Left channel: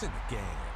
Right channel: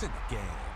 It's in the game.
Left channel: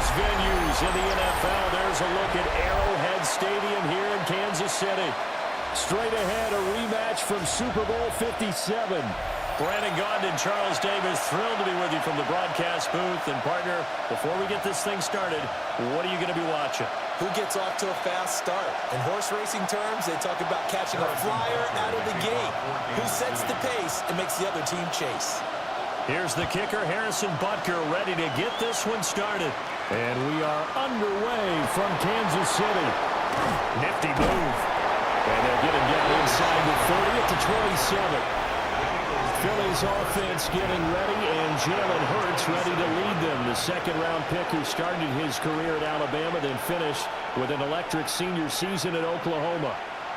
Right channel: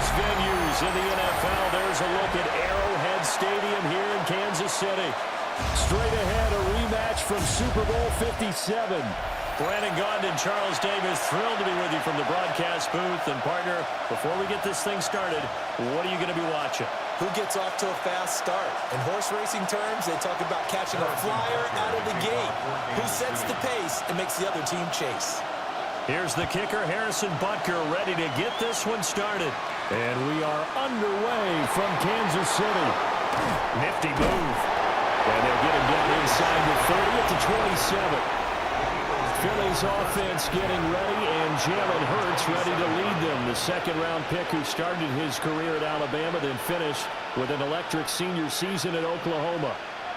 biggest venues in the NFL. There's a look at Arrowhead Stadium here in Kansas City. Straight ahead, a rematch from Super Bowl 57. Brandon Gaudin, Charles Davis, thrilled to be with you from the broadcast booth. And, partner, before we get this thing started, what are you going to be watching? Who gets off to a fast start? In horse racing terms, they talk about catching a flyer out of the gate. Who sets the pace and makes the other team chase? Here's the kicker, Harrison Butker, ready to get this one started. And we are underway from Kansas City. Nifty move. And they'll get him down inside the 30 at the 27. Philly's offense getting ready, and Jalen Hurts ready to lead them. The second-round pick who started his career at Alabama, then finished with an electric senior season at Oklahoma.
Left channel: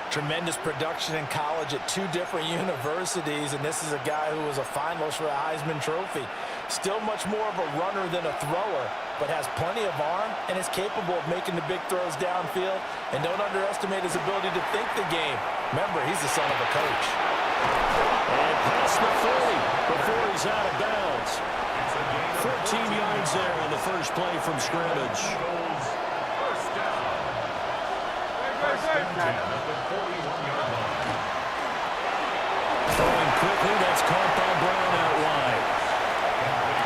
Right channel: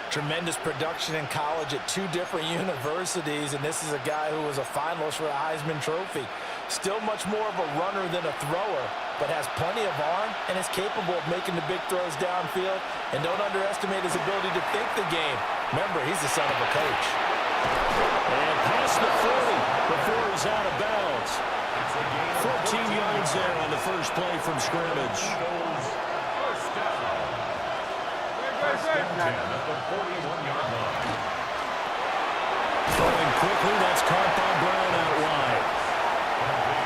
Tremendous production in college at two different universities, and this is a guy who was a finalist for a Heisman Trophy. Still much more of a runner than a thrower, but has plenty of arm and is capable of making the big throws downfield. And don't underestimate his ability to think the game. Remember, he's the son of a coach. And past the 40 before he's out of bounds. 14 yards there on the first play from scrimmage. Throwing quickly, that's caught by Brown out wide.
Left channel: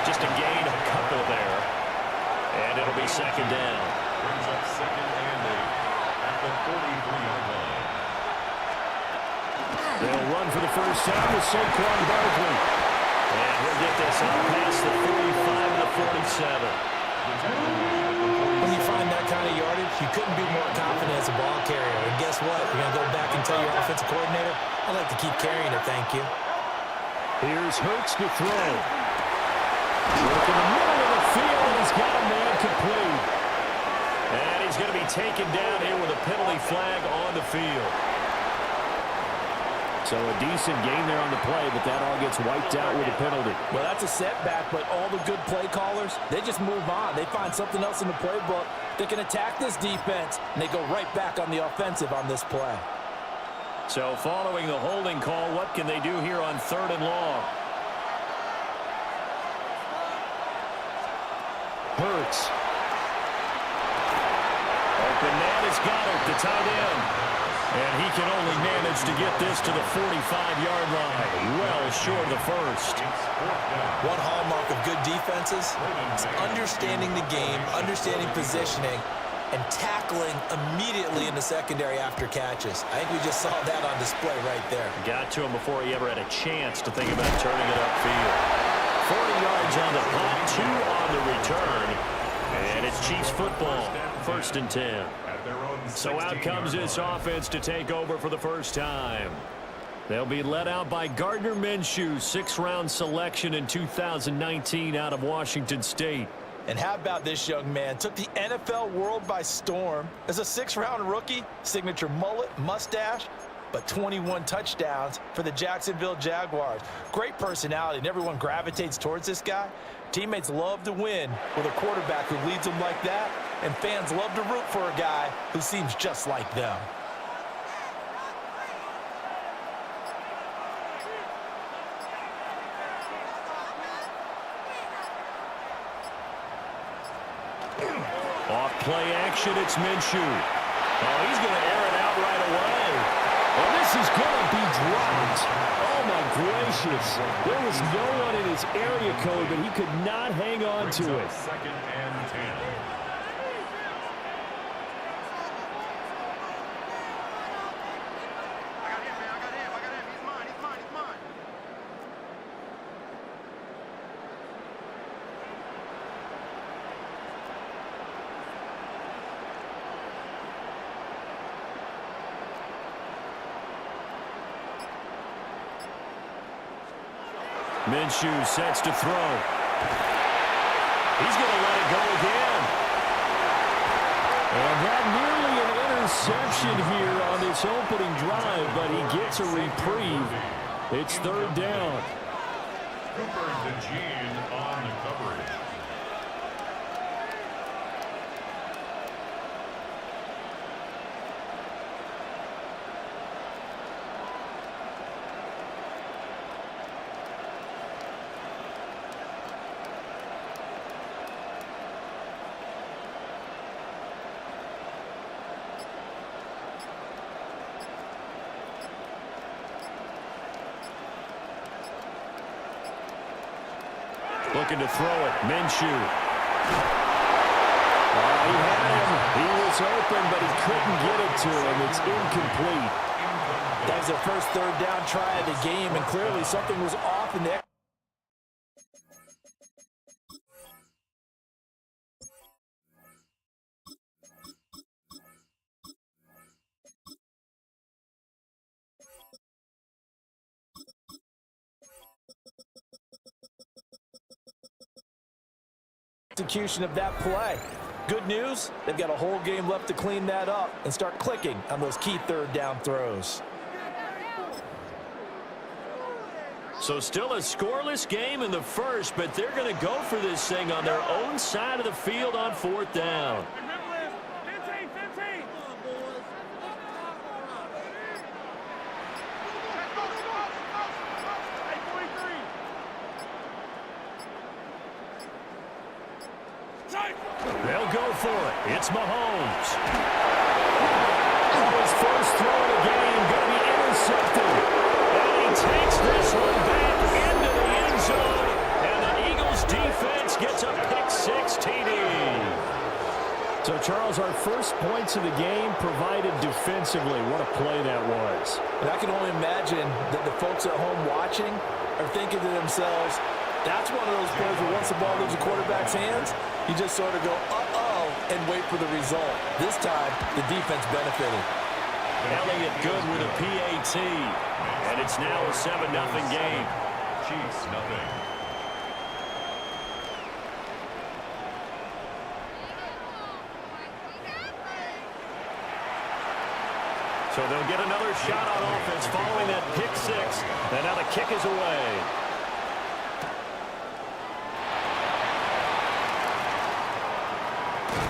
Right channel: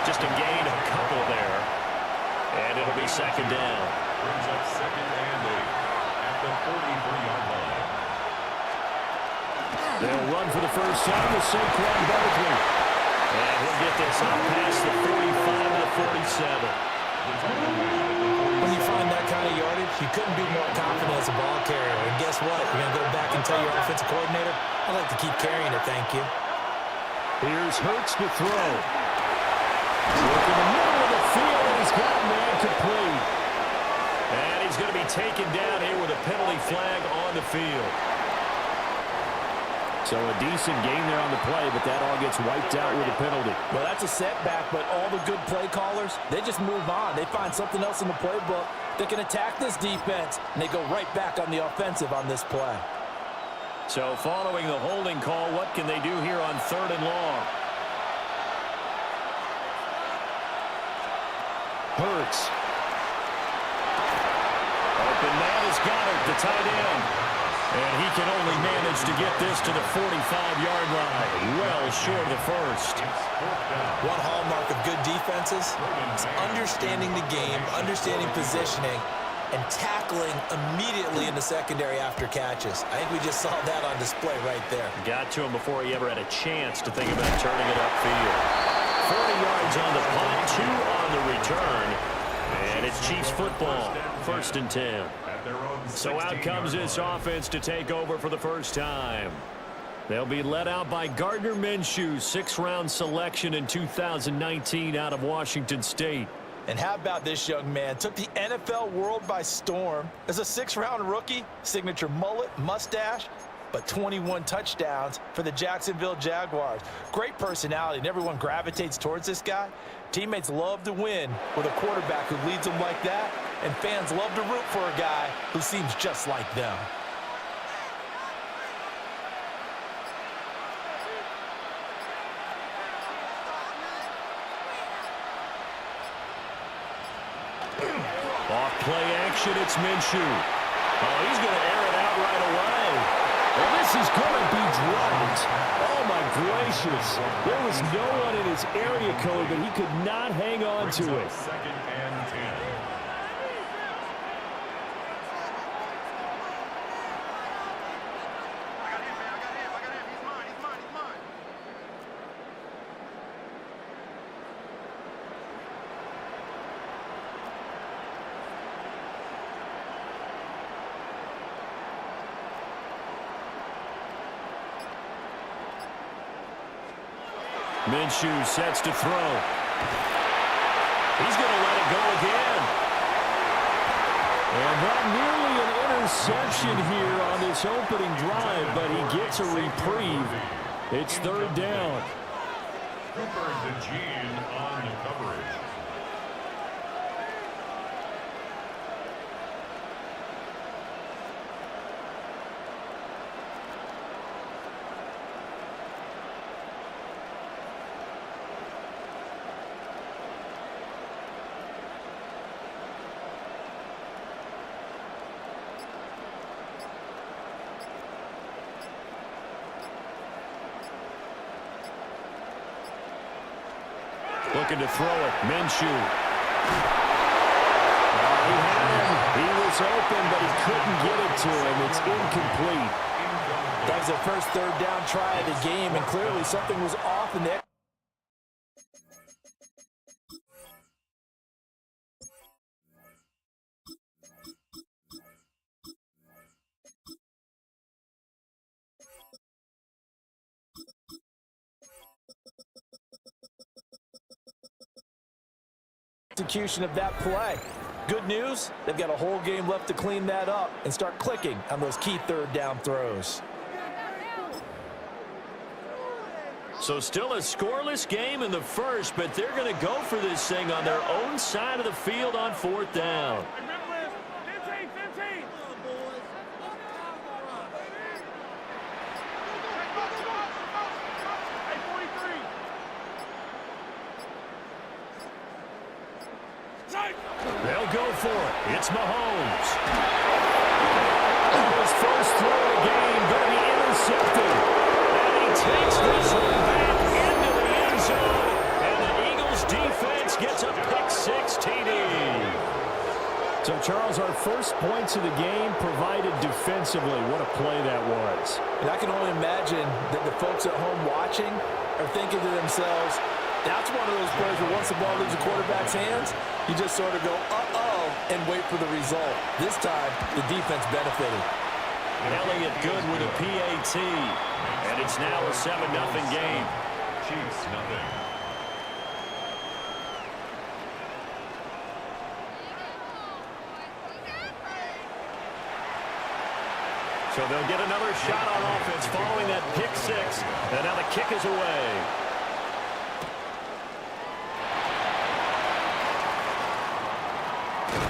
Just a gain of a couple there. And it'll be second down. Brings up second and 8 at the 43-yard line. They'll run for the first time with Saquon Barkley. And he'll get this up past the 45 to the 47. When you find that kind of yardage, you couldn't be more confident as a ball carrier. And guess what? You're going to go back and tell your offensive coordinator, I'd like to keep carrying it, thank you. Here's Hurts to throw. Look in the middle of the field, and he's got a man complete. And he's going to be taken down here with a penalty flag on the field. So a decent gain there on the play, but that all gets wiped out with a penalty. Well, that's a setback, but all the good play callers, they just move on. They find something else in the playbook that can attack this defense, and they go right back on the offensive on this play. So following the holding call, what can they do here on third and long? Hurts. Open man is Goddard, the tight end. And he can only manage to get this to the 45-yard line. Well short of the first. One hallmark of good defenses is understanding the game, understanding positioning, and tackling immediately in the secondary after catches. I think we just saw that on display right there. Got to him before he ever had a chance to think about turning it upfield. 40 yards on the punt, 2 on the return. And it's Chiefs football, 1st and 10. So out comes this offense to take over for the first time. They'll be led out by Gardner Minshew, 6th-round selection in 2019 out of Washington State. And how about this young man? Took the NFL world by storm. As a 6th-round rookie, signature mullet, mustache, but 21 touchdowns for the Jacksonville Jaguars. Great personality, and everyone gravitates towards this guy. Teammates love to win with a quarterback who leads them like that, and fans love to root for a guy who seems just like them. Off play action, it's Minshew. Oh, he's going to air it out right away. Well, this is going to be dropped. Oh, my gracious. There was no one in his area code, but he could not hang on to it. 2nd and 10. Minshew sets to throw. He's going to let it go again. And that nearly an interception here on this opening drive, but he gets a reprieve. It's 3rd down. Cooper DeJean on the coverage. Looking to throw it. Minshew. He had him. He was open, but he couldn't get it to him. It's incomplete. That was their first third down try of the game, and clearly something was off in the execution of that play. Good news, they've got a whole game left to clean that up and start clicking on those key third down throws. So still a scoreless game in the first, but they're going to go for this thing on their own side of the field on fourth down. 15, 15. Hey, 43. They'll go for it. It's Mahomes. His first throw of the game going to be intercepted. And he takes this one back into the end zone. And the Eagles defense gets a pick-6 TD. So, Charles, our first points of the game provided defensively. What a play that was. And I can only imagine that the folks at home watching are thinking to themselves, that's one of those plays where once the ball leaves the quarterback's hands, you just sort of go, uh-oh, and wait for the result. This time, the defense benefited. Elliott good with a PAT. And it's now a 7-0 game. Chiefs, nothing. So they'll get another shot on offense following that pick-6. And now the kick is away.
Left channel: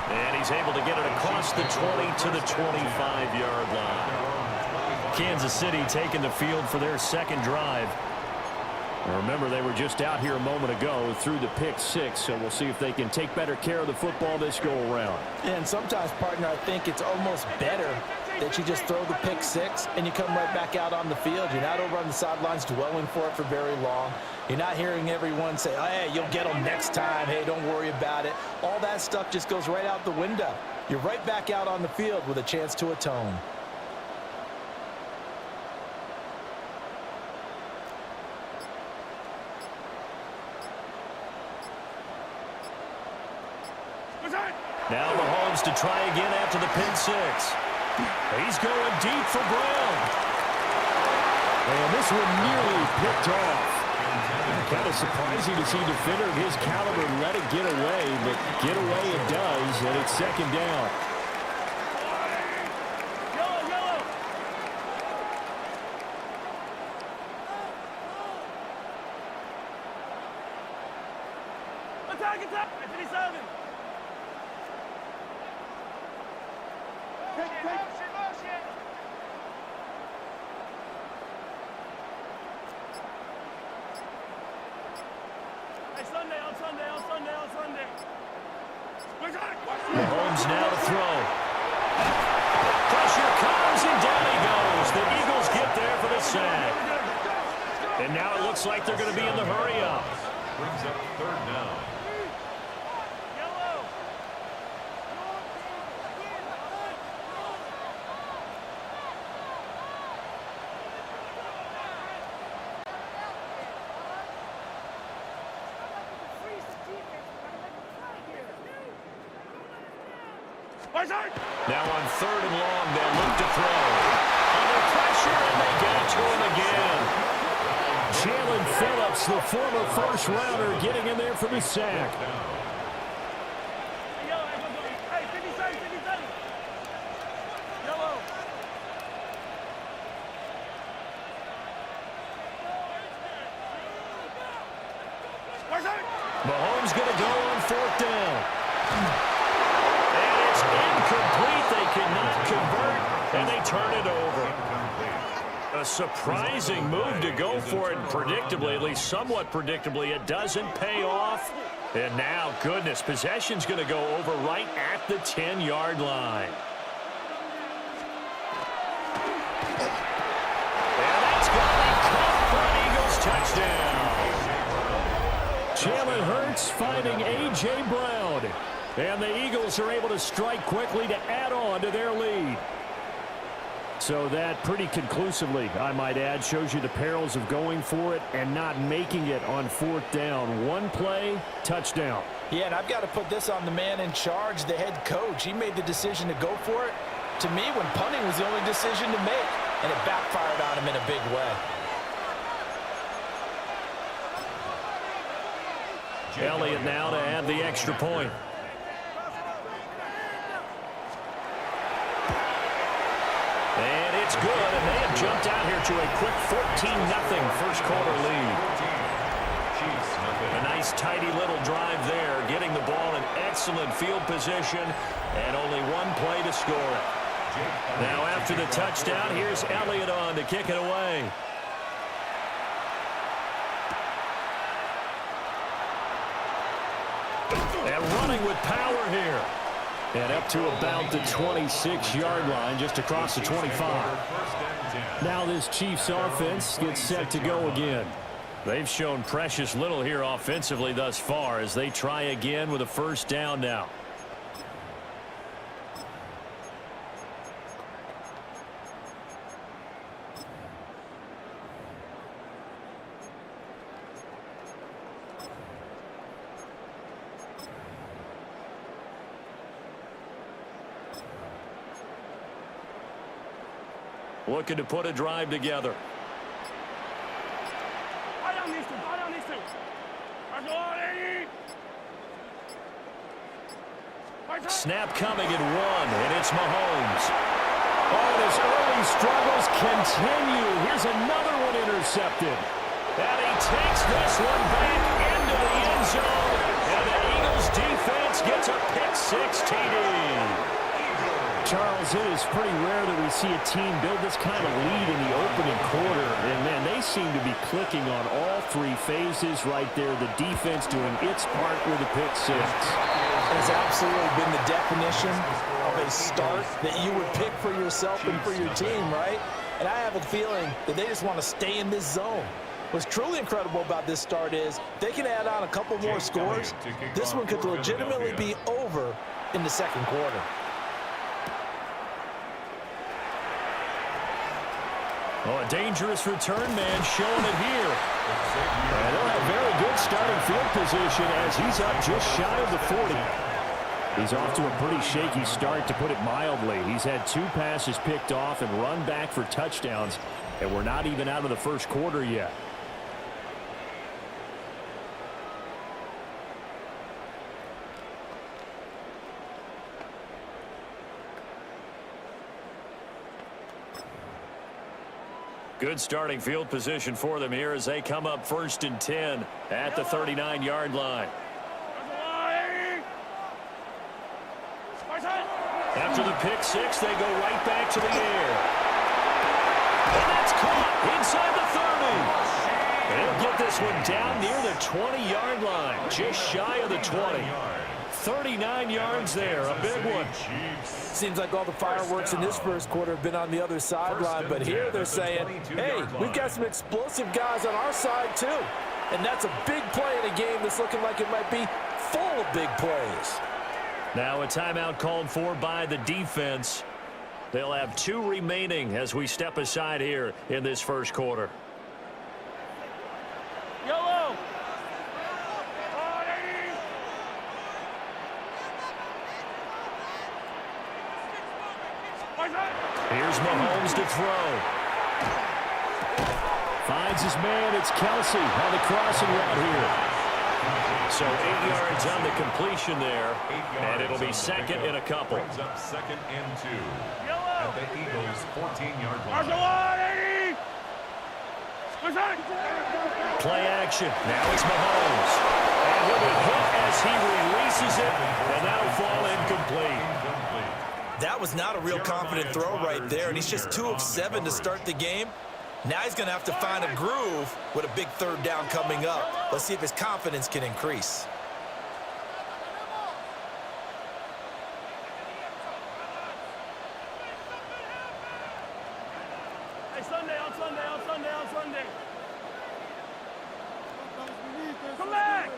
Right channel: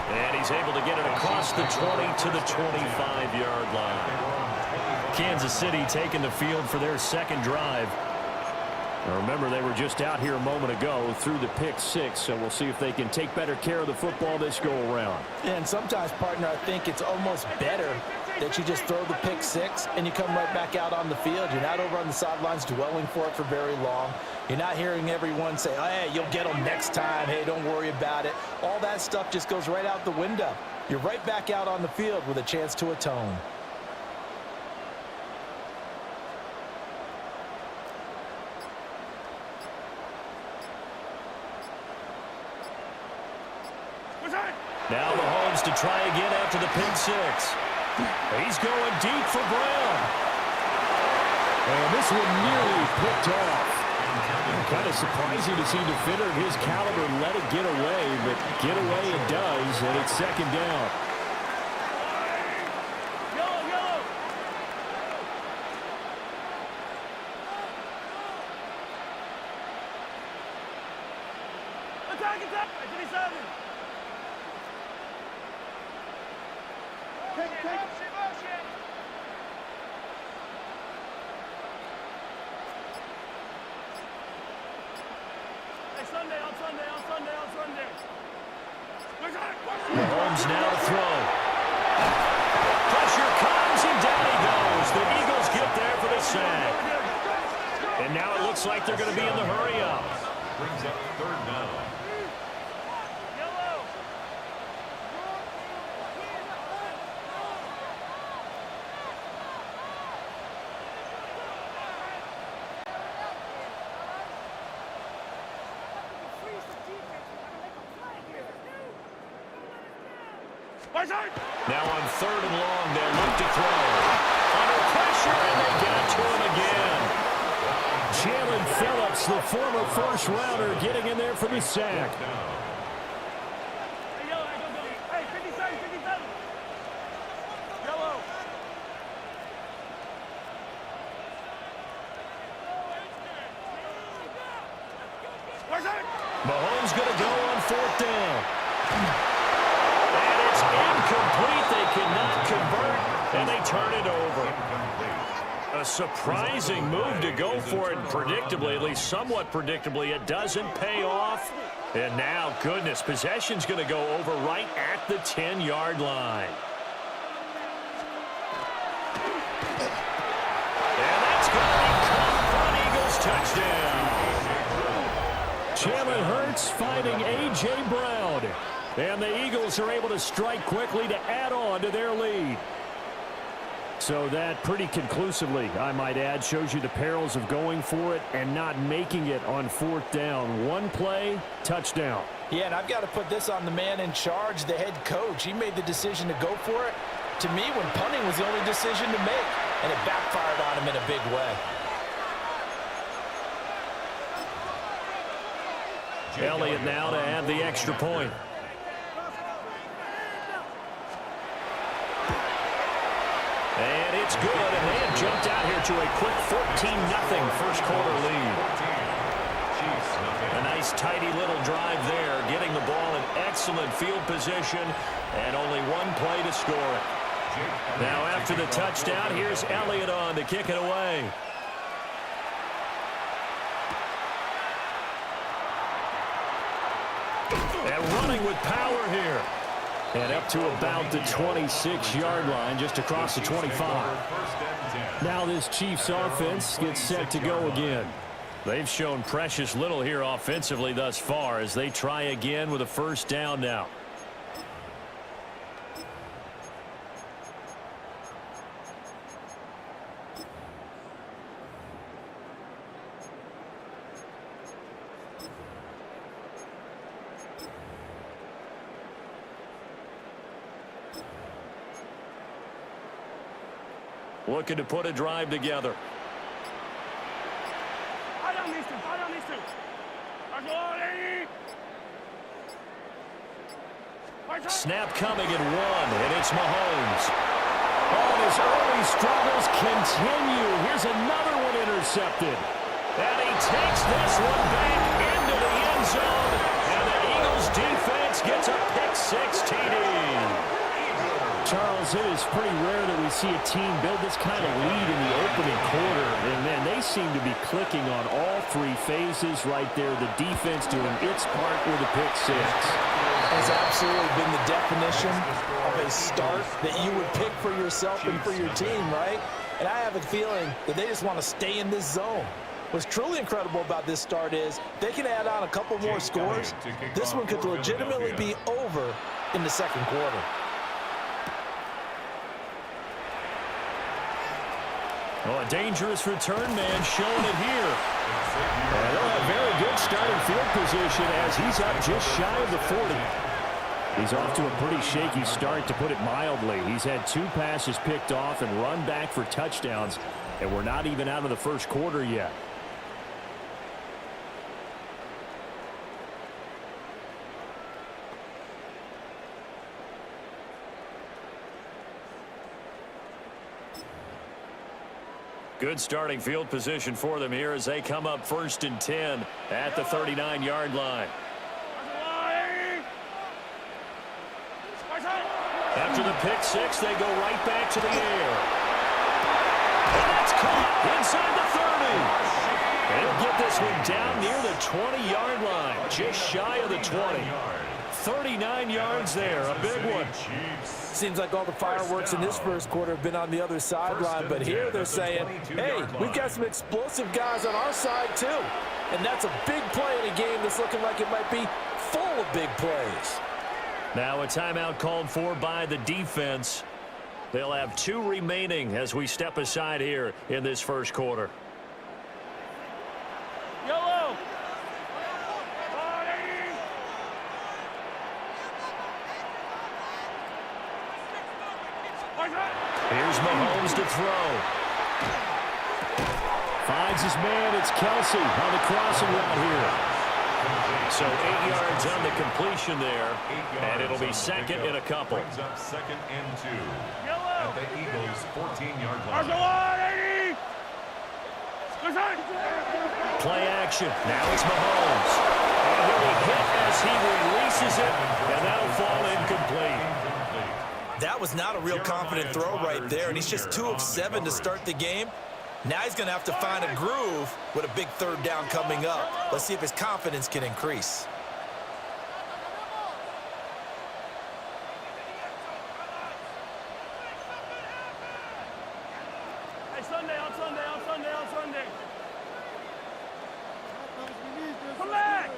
And he's able to get it across the 20 to the 25-yard line. Kansas City taking the field for their second drive. Now remember, they were just out here a moment ago through the pick-6, so we'll see if they can take better care of the football this go-around. And sometimes, partner, I think it's almost better that you just throw the pick-6 and you come right back out on the field. You're not over on the sidelines dwelling for it for very long. You're not hearing everyone say, oh, hey, you'll get them next time. Hey, don't worry about it. All that stuff just goes right out the window. You're right back out on the field with a chance to atone. Now Mahomes to try again after the pick-6. He's going deep for Brown. And this one nearly picked off. Kind of surprising to see a defender of his caliber let it get away, but get away it does, and it's second down. Yellow. Attack. 57. Take. Motion. Hey, Sunday. Mahomes now to throw. Pressure comes, and down he goes. The Eagles get there for the sack. And now it looks like they're going to be in the hurry-up. Brings up third down. Yellow. Now on third and long, they'll look to throw. Under pressure, and they get it to him again. Jalen Phillips, the former first-rounder, getting in there for the sack. Hey, yellow, go. Hey, 57. Yellow. Mahomes going to go on fourth down. And it's incomplete. They cannot convert, and they turn it over. A surprising move to go for it predictably, at least somewhat predictably. It doesn't pay off. And now, goodness, possession's going to go over right at the 10-yard line. And that's going to be caught for an Eagles touchdown. Jalen Hurts finding A.J. Brown. And the Eagles are able to strike quickly to add on to their lead. So that pretty conclusively, I might add, shows you the perils of going for it and not making it on fourth down. One play, touchdown. Yeah, and I've got to put this on the man in charge, the head coach. He made the decision to go for it. To me, when punting was the only decision to make, and it backfired on him in a big way. Elliott now to add the extra point. And it's good, and they have jumped out here to a quick 14-0 first quarter lead. A nice tidy little drive there, getting the ball in excellent field position, and only one play to score it. Now after the touchdown, here's Elliott on to kick it away. And running with power here. And up to about the 26-yard line, just across the 25. Now this Chiefs offense gets set to go again. They've shown precious little here offensively thus far as they try again with a first down now. Looking to put a drive together. Snap coming at one, and it's Mahomes. Oh, and his early struggles continue. Here's another one intercepted. And he takes this one back into the end zone, and the Eagles defense gets a pick-six TD. Charles, it is pretty rare that we see a team build this kind of lead in the opening quarter. And, man, they seem to be clicking on all three phases right there. The defense doing its part with a pick-six. Has absolutely been the definition of a start that you would pick for yourself and for your team, right? And I have a feeling that they just want to stay in this zone. What's truly incredible about this start is they can add on a couple more scores. This one could legitimately be over in the second quarter. Oh, a dangerous return man showing it here. And they'll have very good starting field position as he's up just shy of the 40. He's off to a pretty shaky start, to put it mildly. He's had 2 passes picked off and run back for touchdowns, and we're not even out of the first quarter yet. Good starting field position for them here as they come up 1st and 10 at the 39-yard line. After the pick-six, they go right back to the air. And that's caught inside the 30. And he'll get this one down near the 20-yard line, just shy of the 20. 39 yards there, a big one. Seems like all the fireworks in this first quarter have been on the other sideline, but here they're saying, hey, we've got some explosive guys on our side too. And that's a big play in a game that's looking like it might be full of big plays. Now a timeout called for by the defense. They'll have 2 remaining as we step aside here in this first quarter. Yellow. Here's Mahomes to throw. Finds his man. It's Kelsey on the crossing route here. So 8 yards on the completion there, and it'll be second and a couple. Brings up 2nd and 2 Yellow. at the Eagles' 14-yard line. Play action. Now it's Mahomes. And he'll be hit as he releases it, and that'll fall incomplete. That was not a real confident throw right there, and he's just 2 of 7 to start the game. Now he's going to have to find a groove with a big 3rd down coming up. Let's see if his confidence can increase. Hey, Sunday, on Sunday. Come back!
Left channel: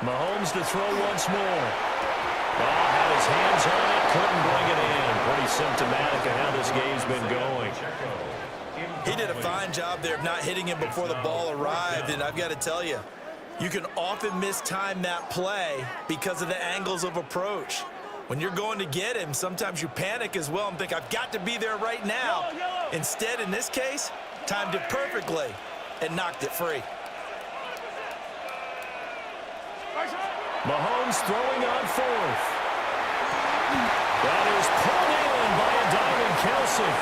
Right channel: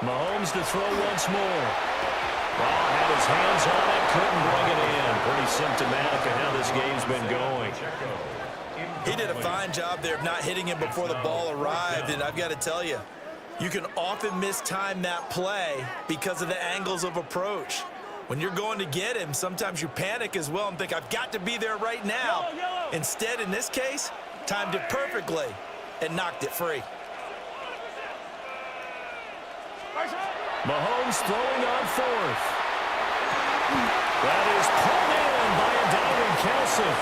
Mahomes to throw once more. Ball had his hands on it, couldn't bring it in. Pretty symptomatic of how this game's been going. He did a fine job there of not hitting him before the ball arrived, and I've got to tell you, you can often mistime that play because of the angles of approach. When you're going to get him, sometimes you panic as well and think, I've got to be there right now. Instead, in this case, timed it perfectly and knocked it free. Mahomes throwing on fourth. That is pulled in by a diving Kelsey.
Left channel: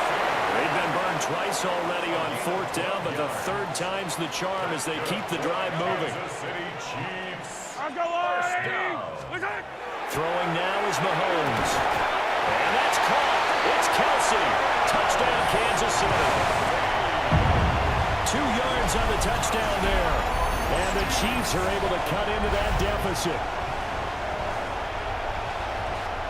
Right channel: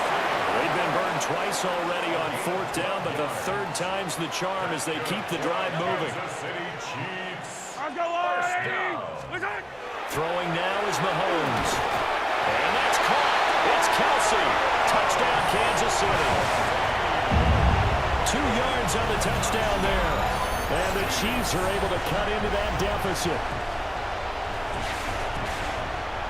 They've been burned twice already on fourth down, but the third time's the charm as they keep the drive moving. Throwing now is Mahomes. And that's caught. It's Kelsey. Touchdown, Kansas City. 2 yards on the touchdown there. And the Chiefs are able to cut into that deficit.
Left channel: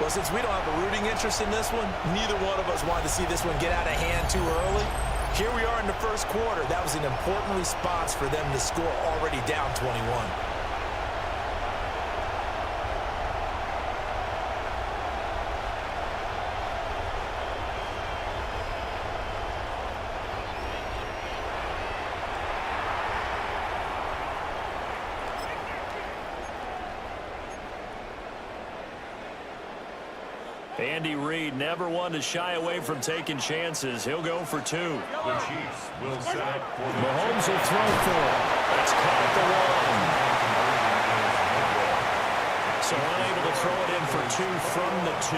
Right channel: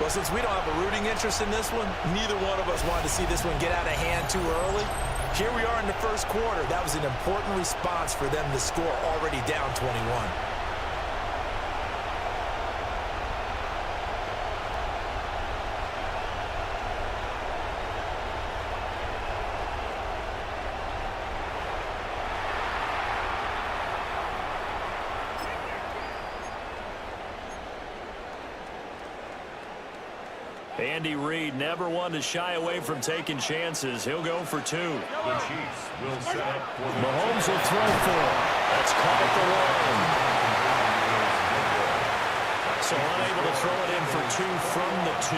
Well, since we don't have a rooting interest in this one, neither one of us wanted to see this one get out of hand too early. Here we are in the first quarter. That was an important response for them to score, already down 21. Andy Reid never one to shy away from taking chances. He'll go for 2. The Chiefs will set up for the Mahomes will throw for it. That's caught at the 1. So unable to throw it in for 2 from the 2.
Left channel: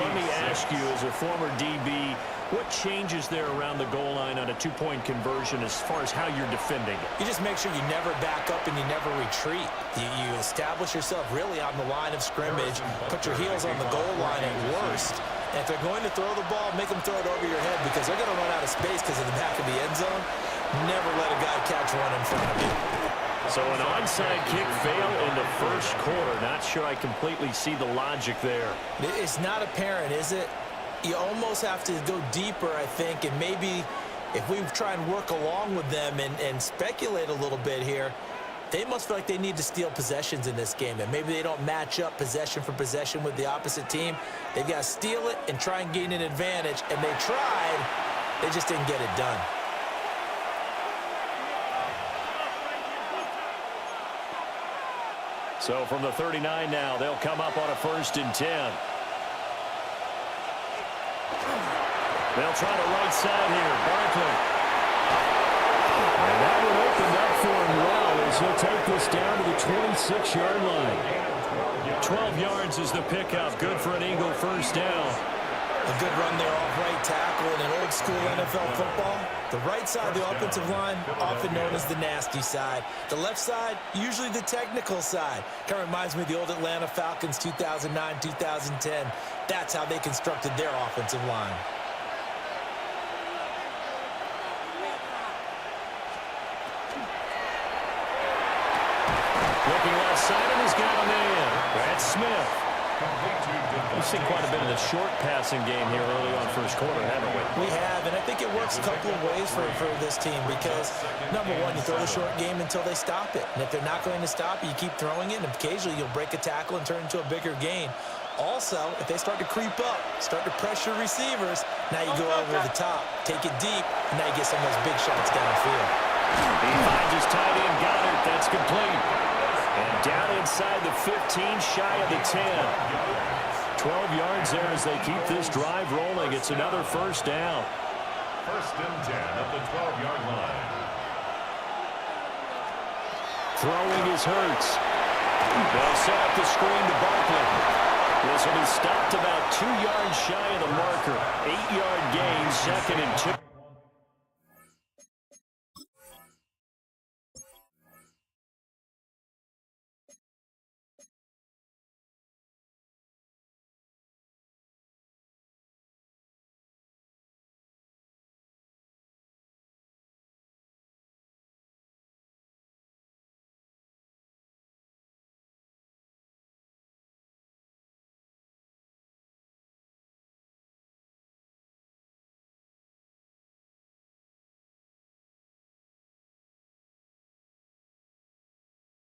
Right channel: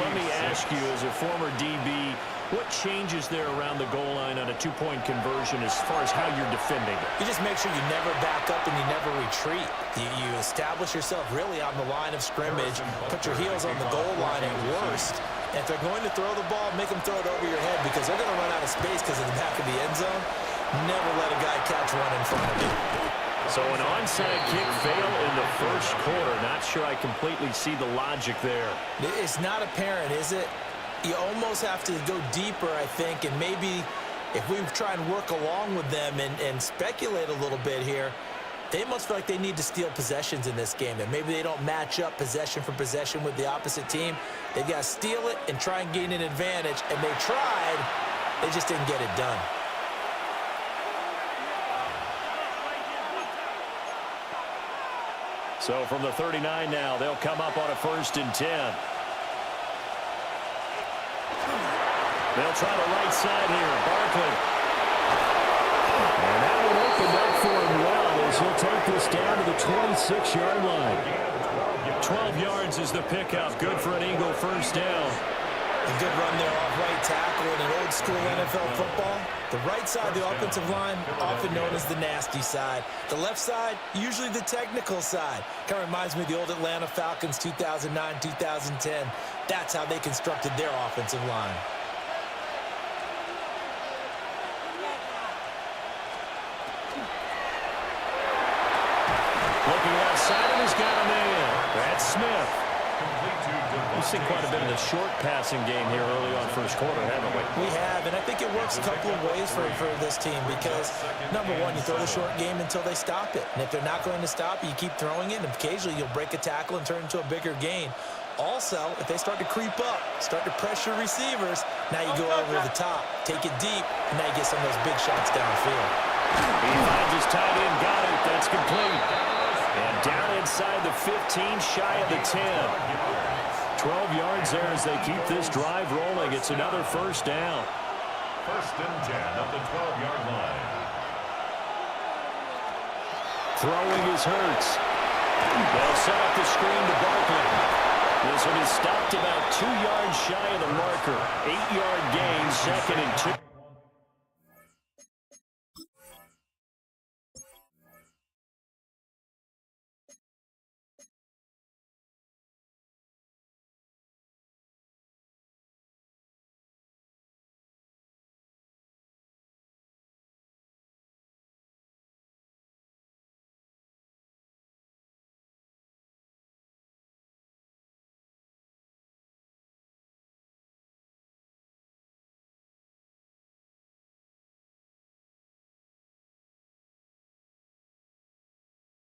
Let me ask you, as a former DB, what changes there around the goal line on a 2-point conversion as far as how you're defending it? You just make sure you never back up and you never retreat. You establish yourself really on the line of scrimmage, put your heels on the goal line at worst. And if they're going to throw the ball, make them throw it over your head because they're going to run out of space because of the back of the end zone. Never let a guy catch one in front of you. So an onside kick fail in the first quarter. Not sure I completely see the logic there. It's not apparent, is it? You almost have to go deeper, I think, and maybe if we try and work along with them and speculate a little bit here, they must feel like they need to steal possessions in this game, and maybe they don't match up possession for possession with the opposite team. They've got to steal it and try and gain an advantage, and they tried. They just didn't get it done. So from the 39 now, they'll come up on a 1st and 10. They'll try the right side here. Barkley. And that one opened up for him well as he'll take this down to the 26-yard line. 12 yards is the pickup. Good for an Eagle first down. A good run there off right tackle in an old-school NFL football. The right side of the offensive line, often known as the nasty side. The left side, usually the technical side. Kind of reminds me of the old Atlanta Falcons 2009, 2010. That's how they constructed their offensive line. Looking left side, and he's got a man. That's Smith. We've seen quite a bit of the short passing game here early on first quarter, haven't we? We have, and I think it works a couple of ways for this team because, number one, you throw the short game until they stop it. And if they're not going to stop it, you keep throwing it, and occasionally you'll break a tackle and turn it into a bigger gain. Also, if they start to creep up, start to pressure receivers, now you go over the top, take it deep, and now you get some of those big shots downfield. He finds his tight end, Goddard. That's complete. And down inside the 15, shy of the 10. 12 yards there as they keep this drive rolling. It's another first down. 1st and 10 at the 12-yard line. Throwing is Hurts. They'll set up the screen to Barkley. This will be stopped about 2 yards shy of the marker. 8-yard gain, 2nd and 2.